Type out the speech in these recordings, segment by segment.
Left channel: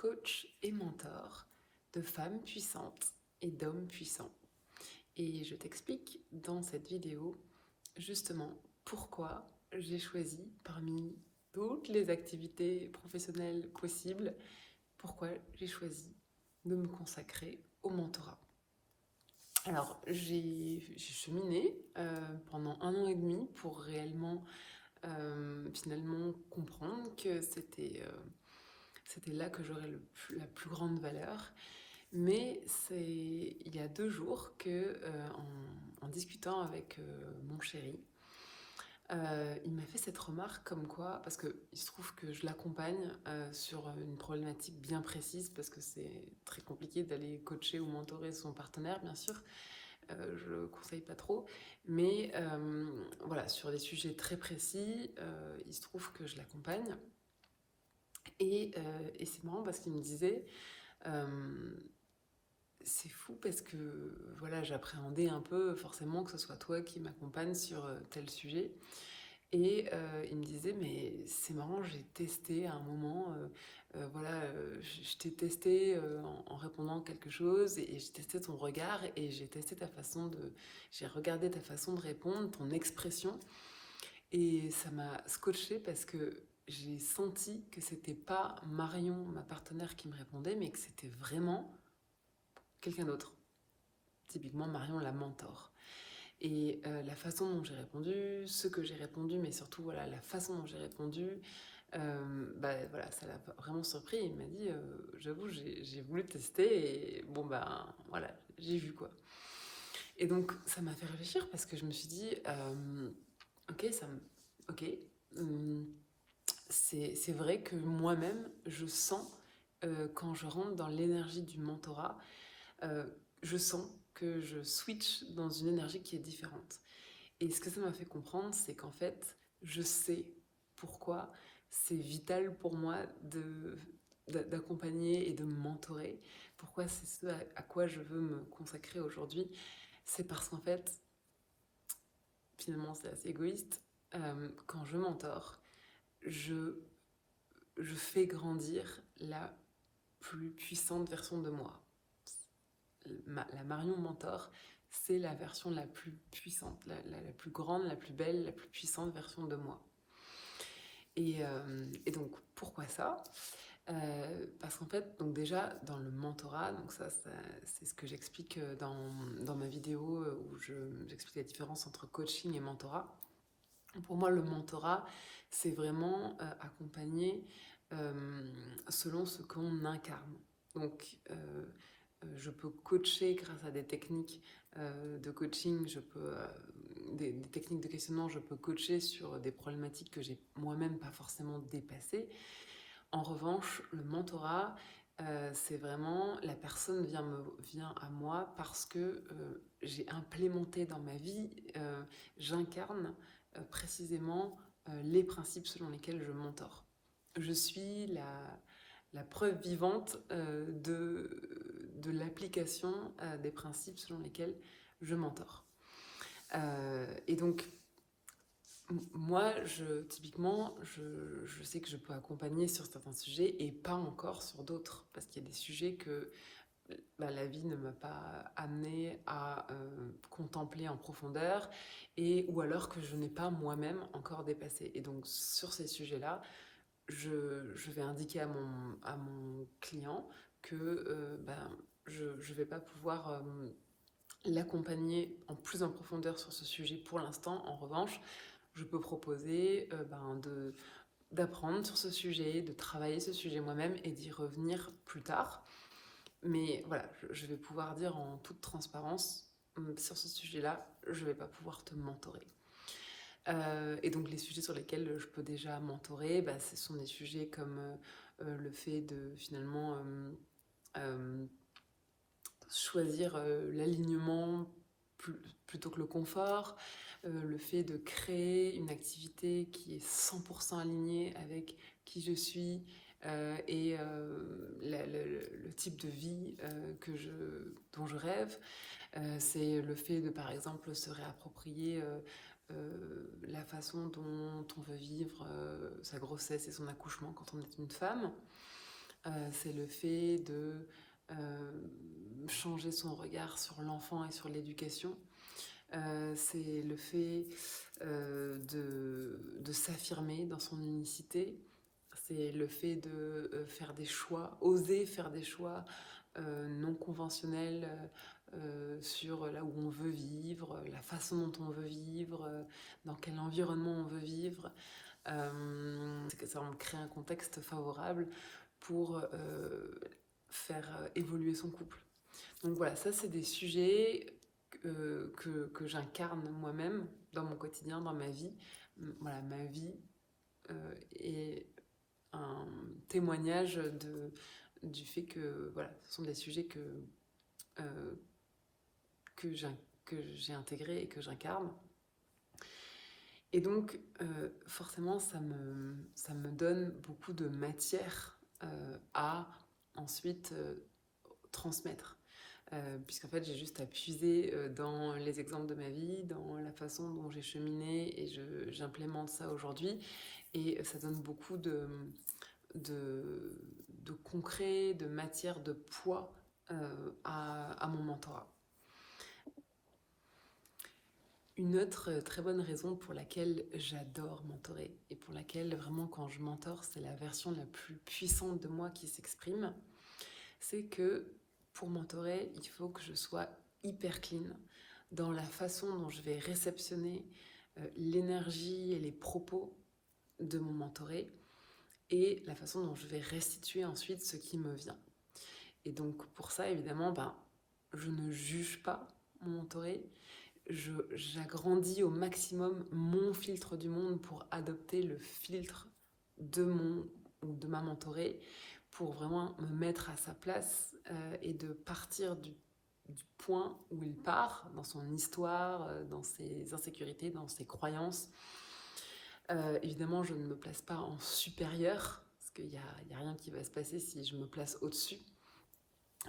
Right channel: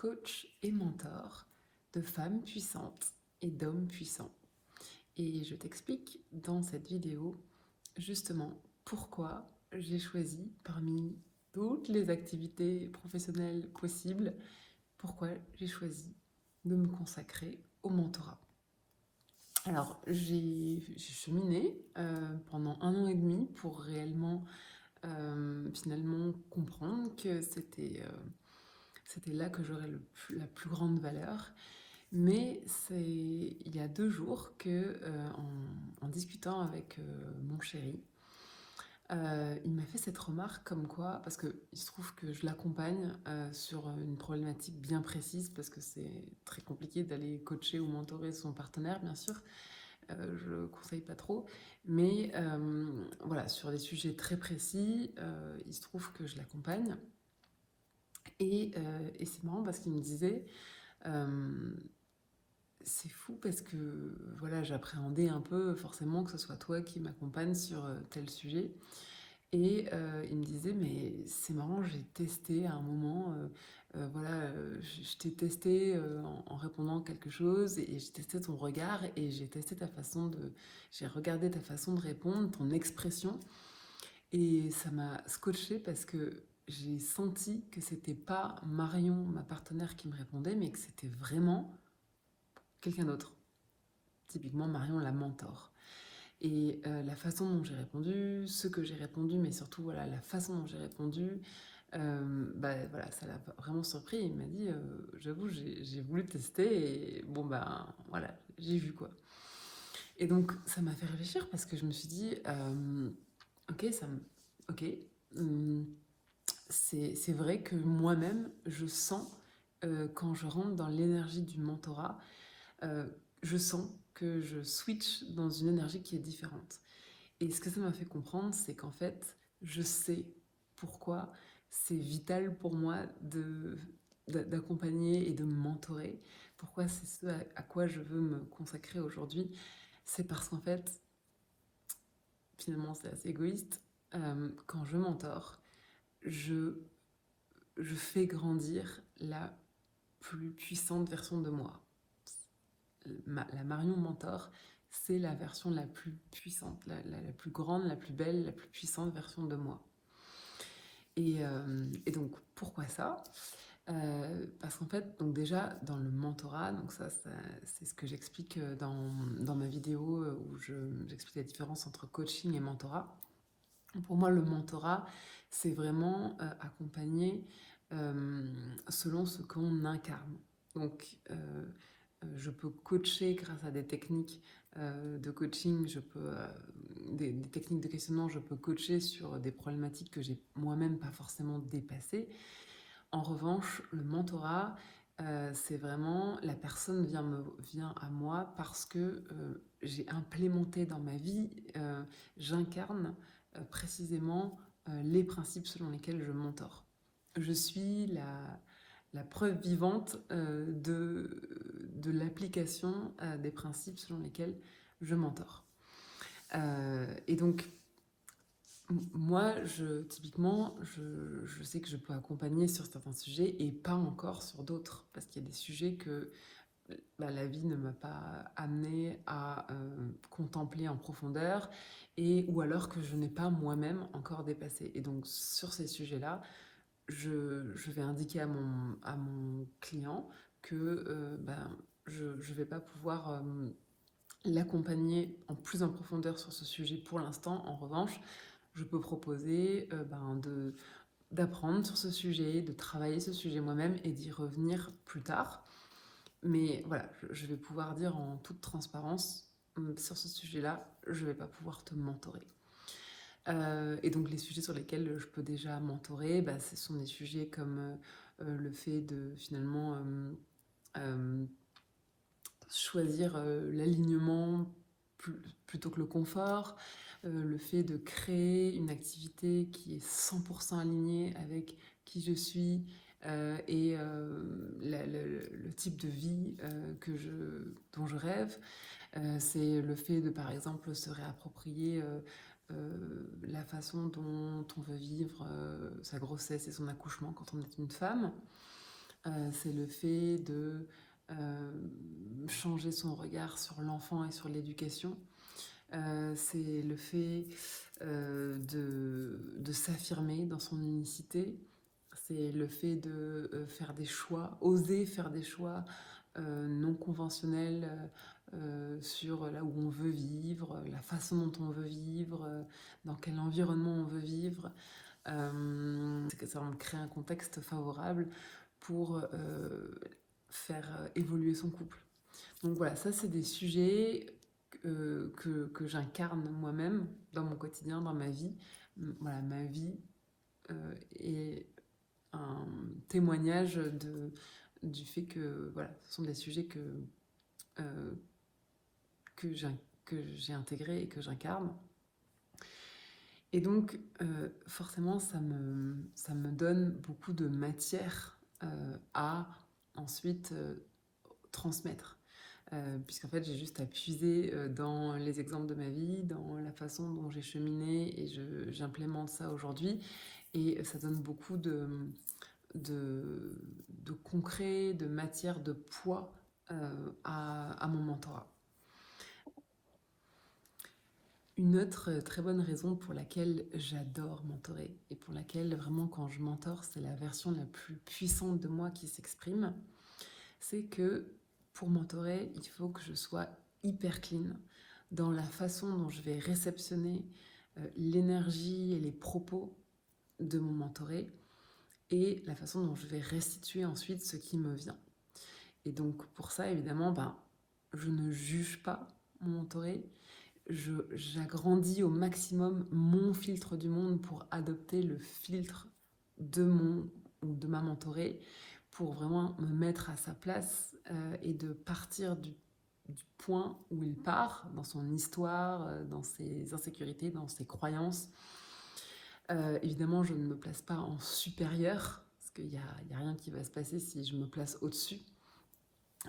coach et mentor de femmes puissantes et d'hommes puissants. Et je t'explique dans cette vidéo justement pourquoi j'ai choisi parmi toutes les activités professionnelles possibles, pourquoi j'ai choisi de me consacrer au mentorat. Alors, j'ai cheminé pendant 1 an et demi pour réellement finalement comprendre que c'était là que j'aurais la plus grande valeur. Mais c'est il y a 2 jours que, en discutant avec mon chéri, il m'a fait cette remarque comme quoi, parce qu'il se trouve que je l'accompagne sur une problématique bien précise, parce que c'est très compliqué d'aller coacher ou mentorer son partenaire, bien sûr. Je ne conseille pas trop, mais voilà, sur des sujets très précis, il se trouve que je l'accompagne. Et c'est marrant parce qu'il me disait, c'est fou parce que voilà, j'appréhendais un peu forcément que ce soit toi qui m'accompagne sur tel sujet. Et il me disait, mais c'est marrant, j'ai testé à un moment, voilà, je t'ai testé en répondant quelque chose, et j'ai testé ton regard, et j'ai regardé ta façon de répondre, ton expression, et ça m'a scotché parce que j'ai senti que c'était pas Marion, ma partenaire, qui me répondait, mais que c'était vraiment quelqu'un d'autre. Typiquement Marion, la mentor. Et la façon dont j'ai répondu, ce que j'ai répondu, mais surtout voilà, la façon dont j'ai répondu, voilà, ça l'a vraiment surpris. Il m'a dit, j'avoue, j'ai voulu tester, et bon voilà, j'ai vu quoi. Et donc ça m'a fait réfléchir parce que je me suis dit, ok, ok, hum, c'est vrai que moi-même, je sens, quand je rentre dans l'énergie du mentorat, euh, je sens que je switch dans une énergie qui est différente. Et ce que ça m'a fait comprendre, c'est qu'en fait, je sais pourquoi c'est vital pour moi d'accompagner et de me mentorer. Pourquoi c'est ce à quoi je veux me consacrer aujourd'hui. C'est parce qu'en fait, finalement, c'est assez égoïste. Quand je mentore, je, je fais grandir la plus puissante version de moi. La Marion mentor, c'est la version la plus puissante, la plus grande, la plus belle, la plus puissante version de moi. Et donc, pourquoi ça? Parce qu'en fait, donc déjà, dans le mentorat, donc ça c'est ce que j'explique dans ma vidéo où j'explique la différence entre coaching et mentorat. Pour moi, le mentorat, c'est vraiment accompagner selon ce qu'on incarne. Donc, je peux coacher grâce à des techniques de coaching, des techniques de questionnement, je peux coacher sur des problématiques que j'ai moi-même pas forcément dépassées. En revanche, le mentorat, c'est vraiment la personne vient à moi parce que j'ai implémenté dans ma vie, j'incarne précisément les principes selon lesquels je mentore. Je suis la preuve vivante de l'application des principes selon lesquels je mentore. Et donc, moi, typiquement, je sais que je peux accompagner sur certains sujets et pas encore sur d'autres, parce qu'il y a des sujets que la vie ne m'a pas amené à contempler en profondeur, ou alors que je n'ai pas moi-même encore dépassé. Et donc, sur ces sujets-là, je vais indiquer à mon client que je ne vais pas pouvoir l'accompagner plus en profondeur sur ce sujet pour l'instant. En revanche, je peux proposer d'apprendre sur ce sujet, de travailler ce sujet moi-même et d'y revenir plus tard. Mais voilà, je vais pouvoir dire en toute transparence, sur ce sujet-là, je ne vais pas pouvoir te mentorer. Et donc les sujets sur lesquels je peux déjà mentorer, ce sont des sujets comme le fait de finalement choisir l'alignement plutôt que le confort, le fait de créer une activité qui est 100% alignée avec qui je suis et le type de vie dont je rêve. C'est le fait de, par exemple, se réapproprier la façon dont on veut vivre sa grossesse et son accouchement quand on est une femme. c'est le fait de changer son regard sur l'enfant et sur l'éducation. C'est le fait de s'affirmer dans son unicité. C'est le fait de faire des choix, oser faire des choix non conventionnels sur là où on veut vivre, la façon dont on veut vivre, dans quel environnement on veut vivre. Ça va créer un contexte favorable pour faire évoluer son couple. Donc voilà, ça c'est des sujets que j'incarne moi-même dans mon quotidien, dans ma vie. Voilà, ma vie est un témoignage du fait que voilà, ce sont des sujets euh, que j'ai intégrés et que j'incarne. Et donc, forcément, ça me donne beaucoup de matière à ensuite transmettre. Puisqu'en fait, j'ai juste à puiser dans les exemples de ma vie, dans la façon dont j'ai cheminé et j'implémente ça aujourd'hui. Et ça donne beaucoup de concret, de matière, de poids à mon mentorat. Une autre très bonne raison pour laquelle j'adore mentorer et pour laquelle vraiment quand je mentore, c'est la version la plus puissante de moi qui s'exprime, c'est que pour mentorer, il faut que je sois hyper clean dans la façon dont je vais réceptionner l'énergie et les propos de mon mentoré et la façon dont je vais restituer ensuite ce qui me vient. Et donc pour ça, évidemment, je ne juge pas mon mentoré, j'agrandis au maximum mon filtre du monde pour adopter le filtre de ma mentorée, pour vraiment me mettre à sa place et de partir du point où il part, dans son histoire, dans ses insécurités, dans ses croyances. Évidemment, je ne me place pas en supérieur, parce qu'il n'y a rien qui va se passer si je me place au-dessus.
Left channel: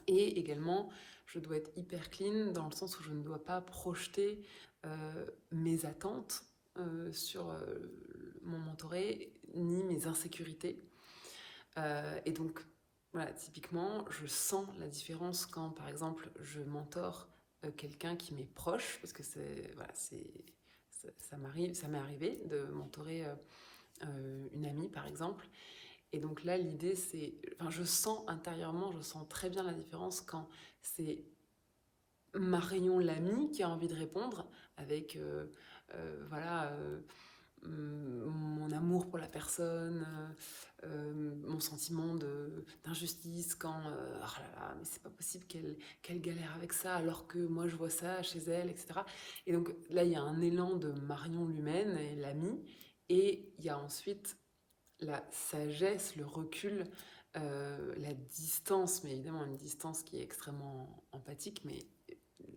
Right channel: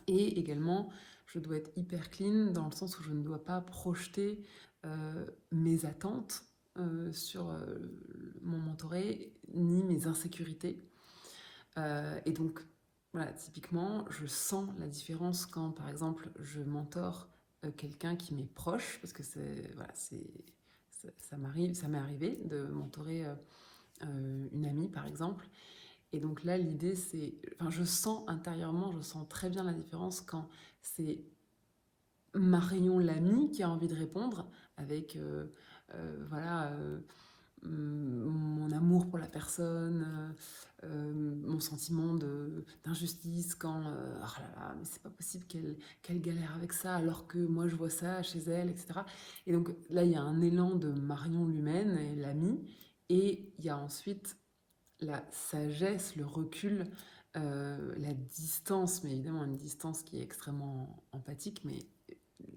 Et également, je dois être hyper clean dans le sens où je ne dois pas projeter mes attentes sur mon mentoré, ni mes insécurités. Et donc, voilà, typiquement, je sens la différence quand, par exemple, je mentore quelqu'un qui m'est proche, parce que ça m'est arrivé de mentorer une amie, par exemple. Et donc là, l'idée, c'est... Enfin, je sens intérieurement, je sens très bien la différence quand c'est Marion l'amie qui a envie de répondre avec mon amour pour la personne, mon sentiment d'injustice quand oh là là, mais c'est pas possible qu'elle galère avec ça alors que moi je vois ça chez elle, etc. Et donc là, il y a un élan de Marion l'humaine et l'amie, et il y a ensuite la sagesse, le recul, la distance, mais évidemment une distance qui est extrêmement empathique, mais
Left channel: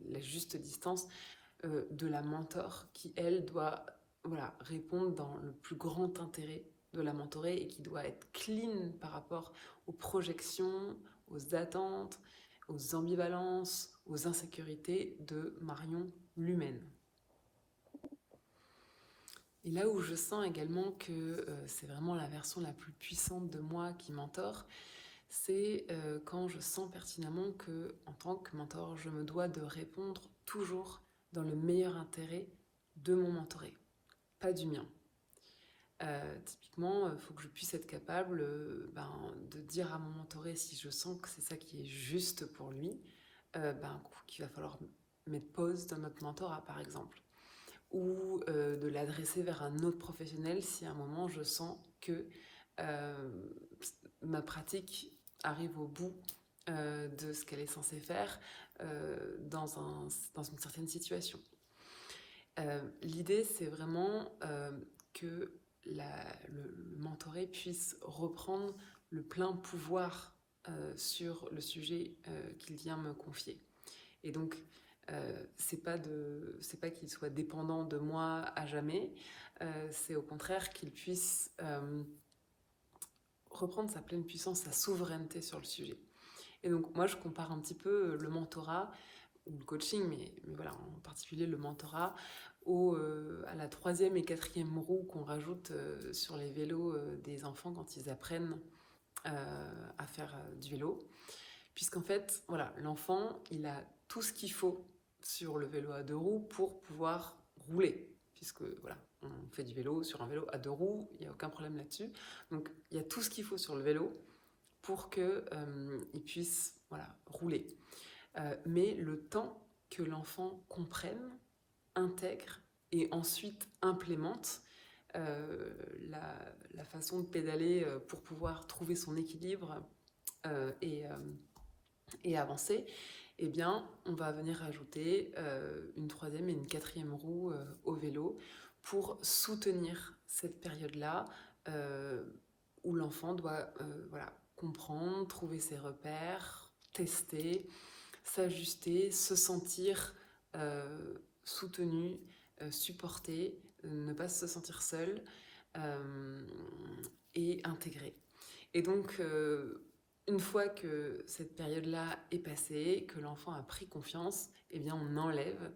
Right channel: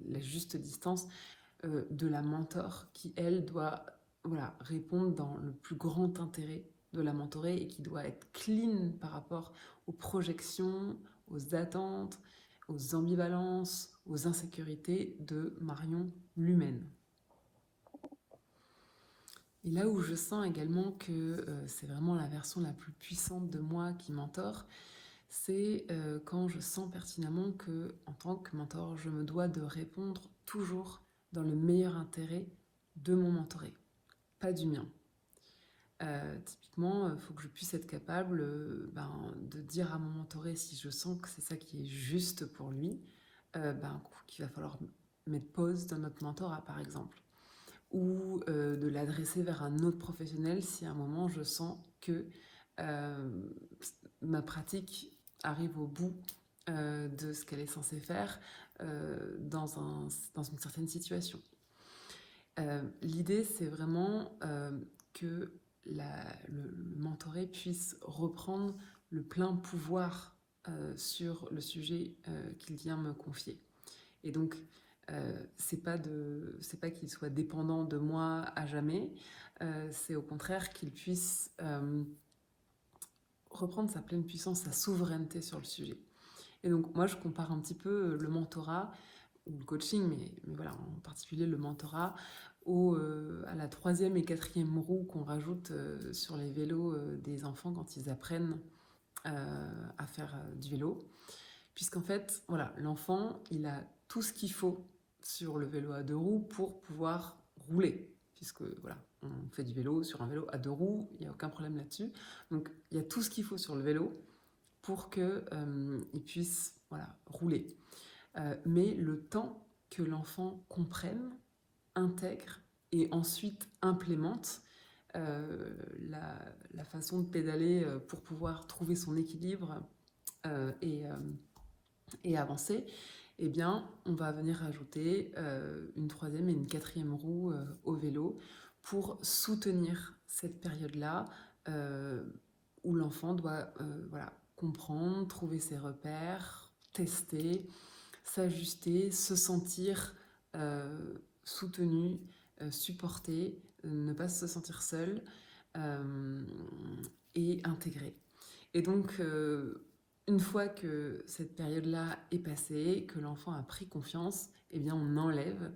la juste distance de la mentor qui, elle, doit répondre dans le plus grand intérêt de la mentorée et qui doit être clean par rapport aux projections, aux attentes, aux ambivalences, aux insécurités de Marion l'humaine. Et là où je sens également que c'est vraiment la version la plus puissante de moi qui mentore, c'est quand je sens pertinemment que, en tant que mentor, je me dois de répondre toujours dans le meilleur intérêt de mon mentoré, pas du mien. Typiquement, il faut que je puisse être capable de dire à mon mentoré, si je sens que c'est ça qui est juste pour lui, qu'il va falloir mettre pause dans notre mentorat, par exemple, ou de l'adresser vers un autre professionnel si à un moment je sens que ma pratique arrive au bout de ce qu'elle est censée faire dans une certaine situation. L'idée, c'est vraiment que le mentoré puisse reprendre le plein pouvoir sur le sujet qu'il vient me confier. Et donc, c'est pas qu'il soit dépendant de moi à jamais, c'est au contraire qu'il puisse reprendre sa pleine puissance, sa souveraineté sur le sujet. Et donc, moi, je compare un petit peu le mentorat, ou le coaching, mais voilà, en particulier le mentorat, à la 3e et 4e roue qu'on rajoute sur les vélos des enfants quand ils apprennent à faire du vélo. Puisqu'en fait, voilà, l'enfant, il a tout ce qu'il faut sur le vélo à 2 roues pour pouvoir rouler. Puisque, voilà, on fait du vélo sur un vélo à 2 roues, il n'y a aucun problème là-dessus. Donc, il y a tout ce qu'il faut sur le vélo pour qu'il puisse, voilà, rouler. Mais le temps que l'enfant comprenne, intègre et ensuite implémente la façon de pédaler pour pouvoir trouver son équilibre et avancer, eh bien, on va venir ajouter une 3e et une 4e roue au vélo pour soutenir cette période-là où l'enfant doit voilà, comprendre, trouver ses repères, tester, s'ajuster, se sentir soutenu, supporté, ne pas se sentir seul et intégré. Et donc, une fois que cette période-là est passée, que l'enfant a pris confiance, eh bien on enlève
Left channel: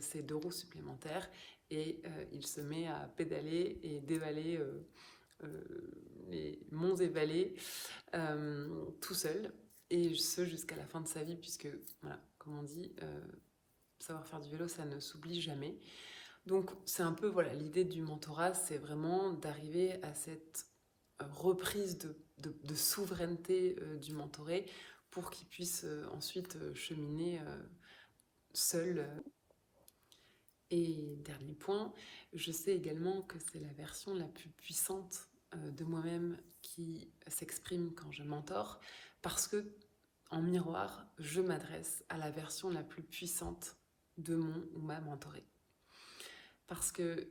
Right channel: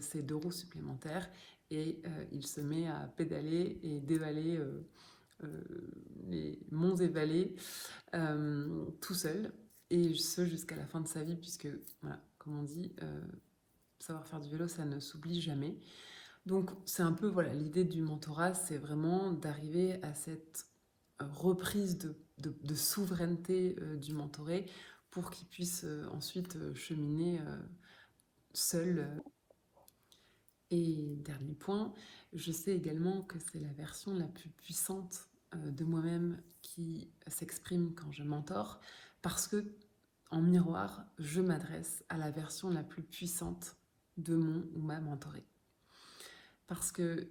ces 2 roues supplémentaires et il se met à pédaler et dévaler les monts et vallées tout seul, et ce jusqu'à la fin de sa vie, puisque, voilà, comme on dit, savoir faire du vélo, ça ne s'oublie jamais. Donc c'est un peu, voilà, l'idée du mentorat, c'est vraiment d'arriver à cette reprise de souveraineté du mentoré pour qu'il puisse ensuite cheminer seul. Et dernier point, je sais également que c'est la version la plus puissante de moi-même qui s'exprime quand je mentore, parce que en miroir, je m'adresse à la version la plus puissante de mon ou ma mentorée. Parce que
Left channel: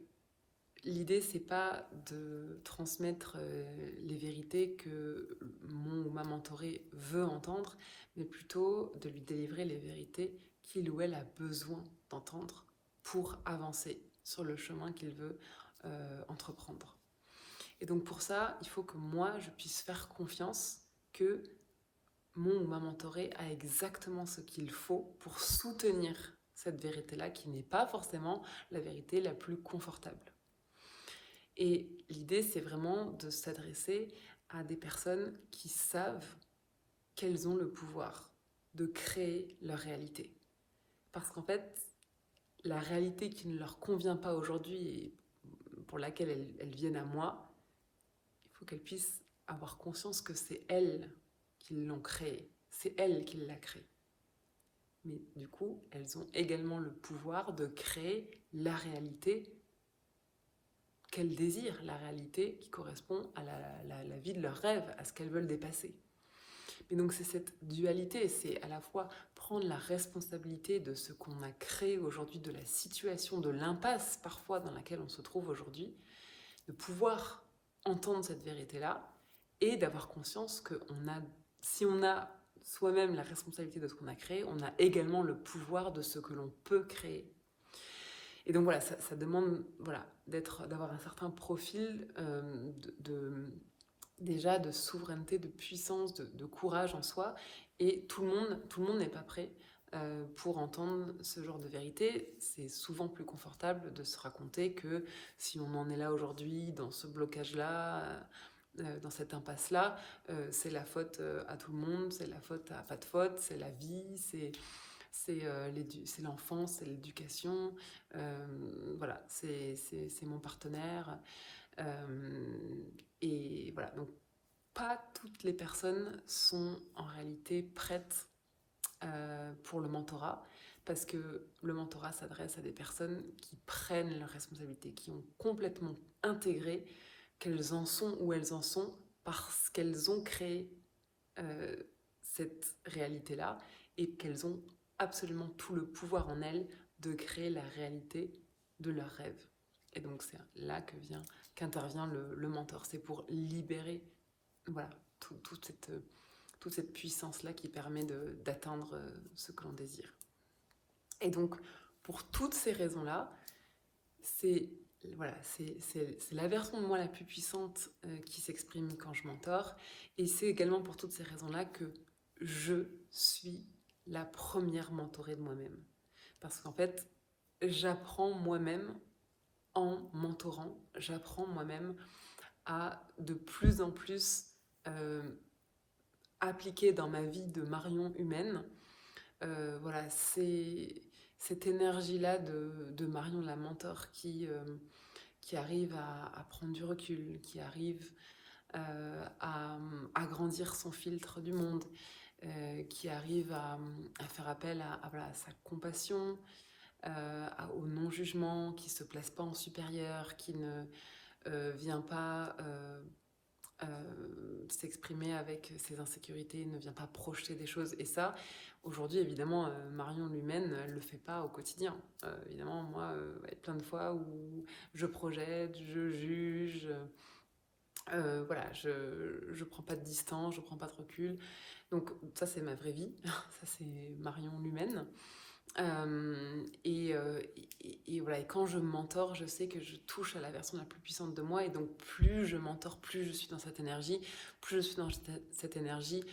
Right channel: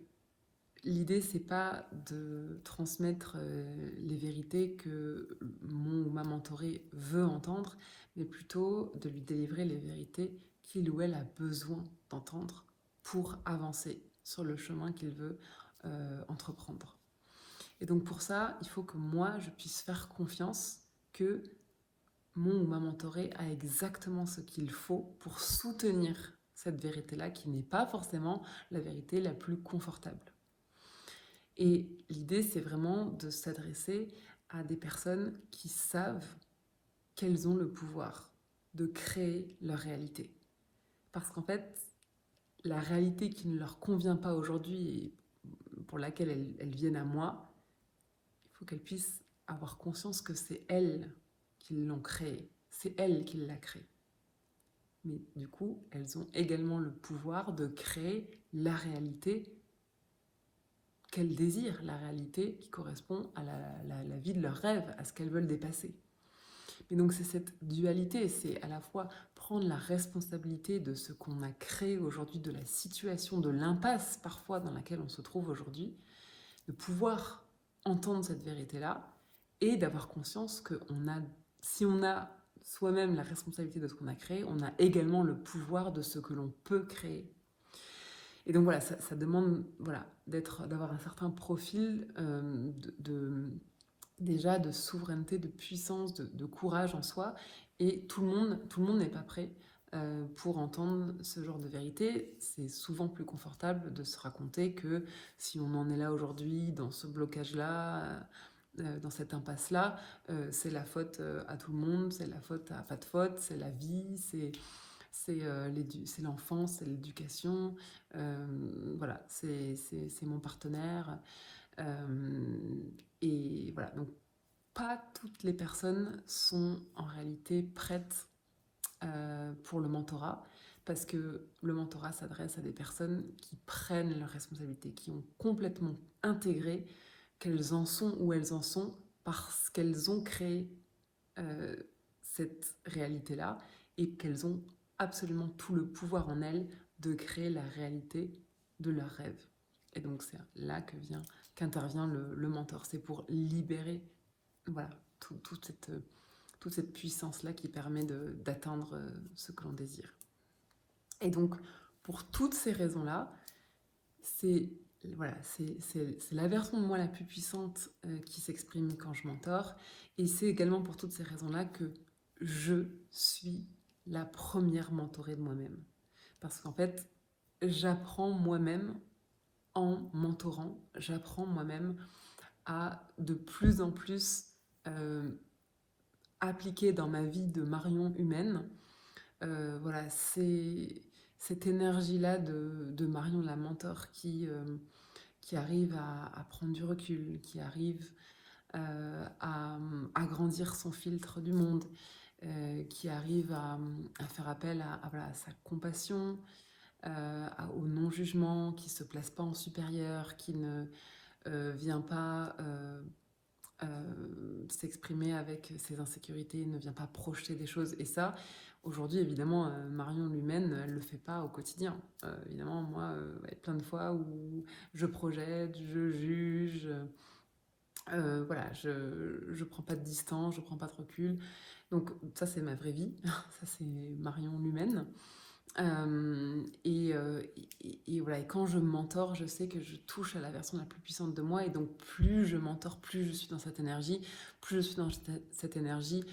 l'idée, c'est pas de transmettre les vérités que mon ou ma mentorée veut entendre, mais plutôt de lui délivrer les vérités qu'il ou elle a besoin d'entendre pour avancer sur le chemin qu'il veut entreprendre. Et donc pour ça, il faut que moi, je puisse faire confiance que mon ou ma mentorée a exactement ce qu'il faut pour soutenir cette vérité-là, qui n'est pas forcément la vérité la plus confortable. Et l'idée, c'est vraiment de s'adresser à des personnes qui savent qu'elles ont le pouvoir de créer leur réalité. Parce qu'en fait, la réalité qui ne leur convient pas aujourd'hui et pour laquelle elles viennent à moi, il faut qu'elles puissent avoir conscience que c'est elles qui l'ont créée, c'est elles qui l'a créée. Mais du coup, elles ont également le pouvoir de créer la réalité qu'elles désirent, la réalité qui correspond à la vie de leurs rêves, à ce qu'elles veulent dépasser. Et donc c'est cette dualité, c'est à la fois prendre la responsabilité de ce qu'on a créé aujourd'hui, de la situation, de l'impasse parfois dans laquelle on se trouve aujourd'hui, de pouvoir entendre cette vérité-là et d'avoir conscience que si on a soi-même la responsabilité de ce qu'on a créé, on a également le pouvoir de ce que l'on peut créer. Et donc voilà, ça demande, voilà, d'avoir un certain profil déjà de souveraineté, de puissance, de courage en soi. Et tout le monde n'est pas prêt pour entendre ce genre de vérité. C'est souvent plus confortable de se raconter que si on en est là aujourd'hui, dans ce blocage-là, dans cette impasse-là, c'est la faute à tout le monde, c'est la faute à pas de faute, c'est la vie, c'est l'enfance, c'est l'éducation, voilà, c'est mon partenaire. Et voilà, donc pas toutes les personnes sont en réalité prêtes pour le mentorat, parce que le mentorat s'adresse à des personnes qui prennent leurs responsabilités, qui ont complètement intégré qu'elles en sont où elles en sont parce qu'elles ont créé cette réalité-là et qu'elles ont absolument tout le pouvoir en elles de créer la réalité de leurs rêves. Et donc c'est là qu'intervient le mentor. C'est pour libérer, voilà, toute cette puissance-là qui permet d'atteindre ce que l'on désire. Et donc, pour toutes ces raisons-là, c'est la version de moi la plus puissante qui s'exprime quand je mentore. Et c'est également pour toutes ces raisons-là que je suis la première mentorée de moi-même. Parce qu'en fait, j'apprends moi-même en mentorant, j'apprends moi-même à de plus en plus appliquer dans ma vie de Marion humaine. Voilà, c'est cette énergie-là de Marion la mentor qui arrive à prendre du recul, qui arrive à grandir son filtre du monde, qui arrive à faire appel voilà, à sa compassion, au non-jugement, qui ne se place pas en supérieur, qui ne vient pas euh, s'exprimer avec ses insécurités, ne vient pas projeter des choses. Et ça, aujourd'hui, évidemment, Marion l'humaine, elle ne le fait pas au quotidien. Évidemment, moi, il y a plein de fois où je projette, je juge, voilà, je prends pas de distance, je prends pas de recul. Donc ça, c'est ma vraie vie. Ça, c'est Marion l'humaine. Et voilà, et quand je mentore, je sais que je touche à la version la plus puissante de moi. Et donc, plus je mentore, plus je suis dans cette énergie. Plus je suis dans cette énergie,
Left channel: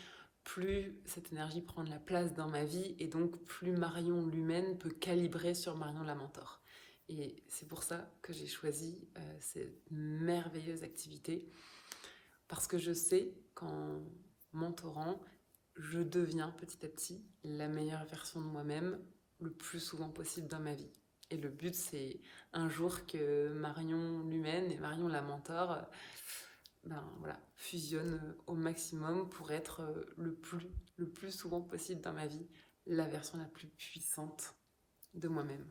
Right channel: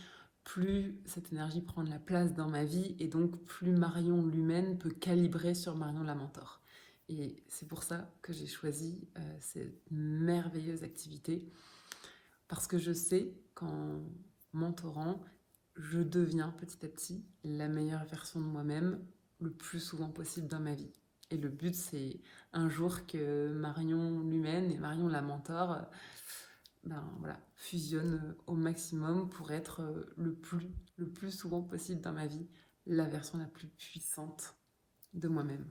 plus cette énergie prend de la place dans ma vie. Et donc, plus Marion l'humaine peut calibrer sur Marion la mentor. Et c'est pour ça que j'ai choisi cette merveilleuse activité. Parce que je sais qu'en mentorant, je deviens petit à petit la meilleure version de moi-même le plus souvent possible dans ma vie. Et le but, c'est un jour que Marion l'humaine et Marion la mentor voilà, fusionnent au maximum pour être le plus souvent possible dans ma vie la version la plus puissante de moi-même.